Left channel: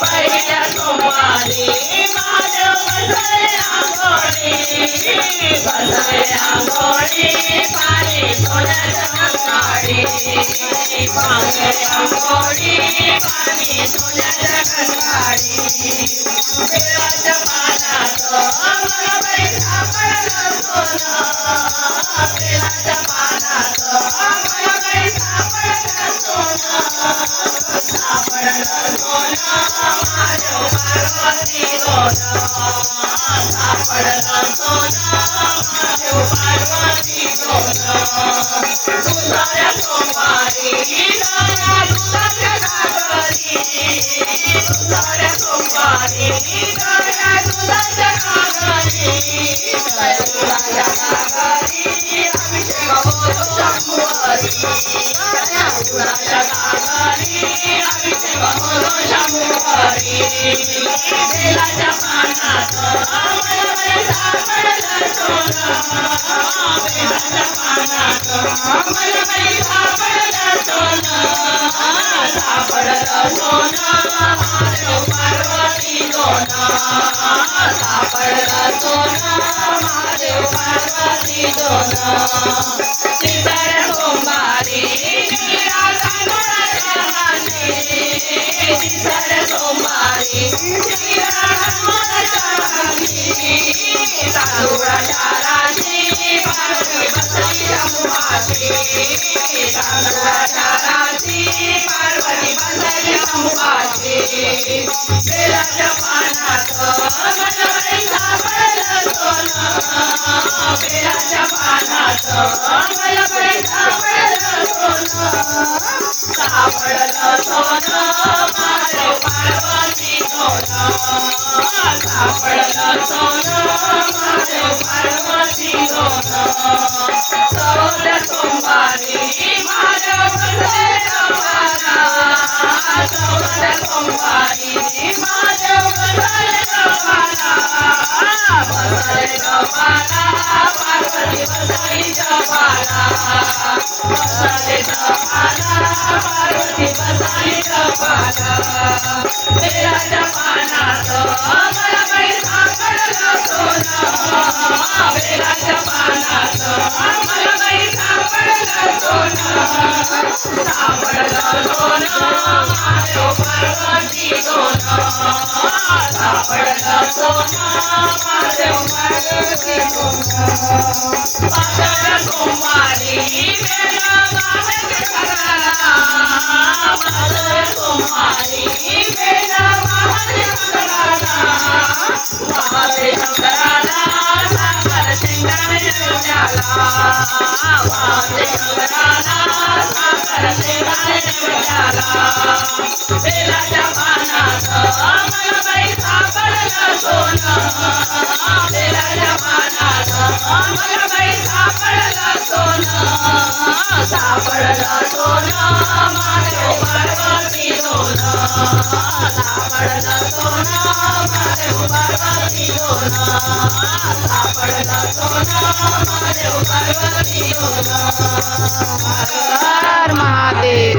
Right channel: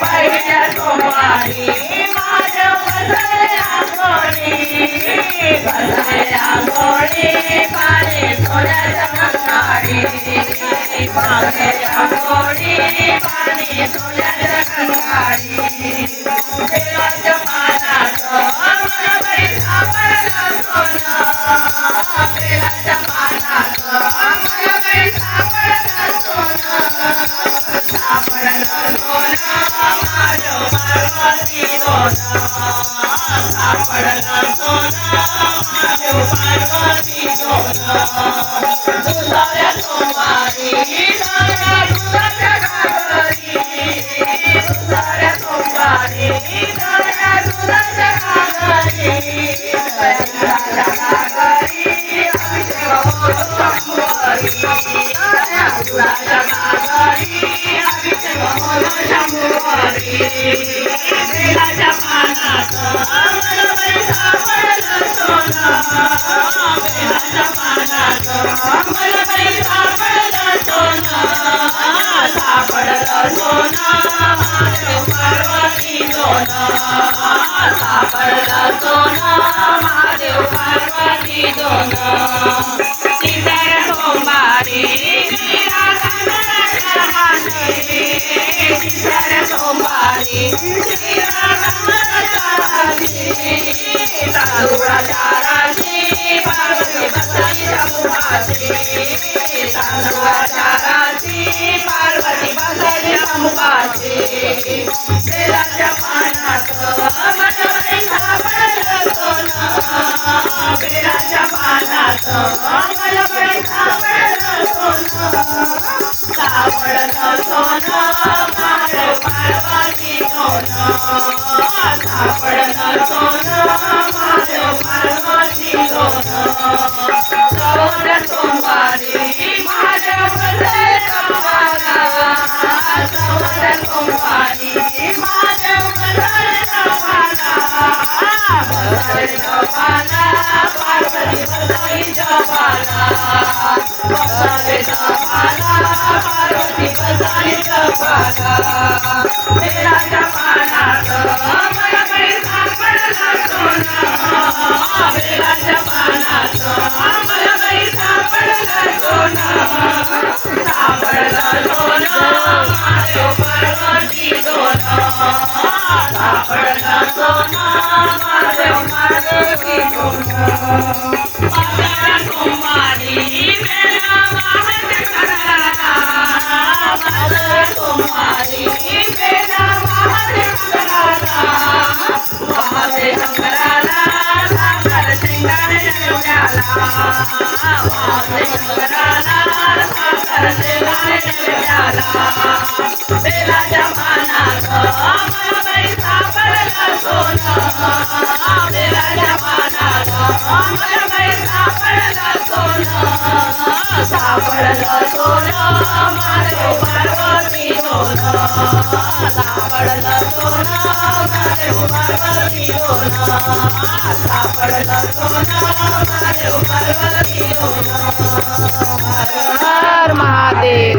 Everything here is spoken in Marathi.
पहिल्या सोमवारी माझ्या बसले आंघोळी पाणी सोन्याच्या अंगाडी पाणी आंघोळी पाणी सोन्याच्या अंगाडी देवाच्या मानाचं मला बाई सापडलं सोनं देवाच्या मानाचं मला बाई सापडलं सोनं माझ्या पार्वती दोनं सापडलं सोनं माझ्या पार्वती दोनं दुसऱ्या सोमवारी दुधाच्या घागरी दुसऱ्या सोमवारी दुधाच्या घागरी दुधाच्या घागरी अभिषेक होतो शंभुवारी दुधाच्या घागरी अभिषेक होतो शंभुवारी बेलाच्या पानाचं मला बाई सापडलं सोनं बेलाच्या पानाचं मला बाई सापडलं सोनं सापडलं सोनं महादेव पार्वती दोनं सापडलं सोनं महादेव पार्वती दोनं तिसऱ्या सोमवारी तिसऱ्या सोमवारी तांदूळाच्या राशी पार्वती बसली शंभुपाशी तांदूळाच्या राशी पार्वती बसली शंभुपाशी बेलाच्या पानाचं मला बाई सापडलं सोनं बेलाच्या पानाचं मला बाई सापडलं सोनं सापडलं सोनं महादेव पार्वती दोनं सापडलं सोनं महादेव पार्वती दोनं चौथ्या सोमवारी महादेव बसले गव्हाला चौथ्या सोमवारी महादेव बसले गव्हाला बसले गव्हाला पार्वती बसली जपाला बसले गव्हाला पार्वती बसली जपाला बेलाच्या पानाचं मला बाई सापडलं सोनं बेलाच्या पानाचं मला बाई सापडलं सोनं सापडलं सोनं महादेव पार्वती दोनं सापडलं सोनं महादेव पार्वती दोनं पाचव्या सोमवारी बेला मामाच्या घराला पाचव्या सोमवारी बेला मामाच्या घराला महादेव घराला साखर शेंगाने नैवेद्याला महादेव घराला साखर शेंगाने नैवेद्याला बेलाच्या पानाचं मला बाई सापडलं सोनं बेलाच्या पानाचं मला बाई सापडलं सोनं सापडलं सोनं महादेव पार्वती दोनं सापडलं सोनं महादेव पार्वती दोनं सापडलं सोनं महादेव पार्वती दोनं हर हर महादेव।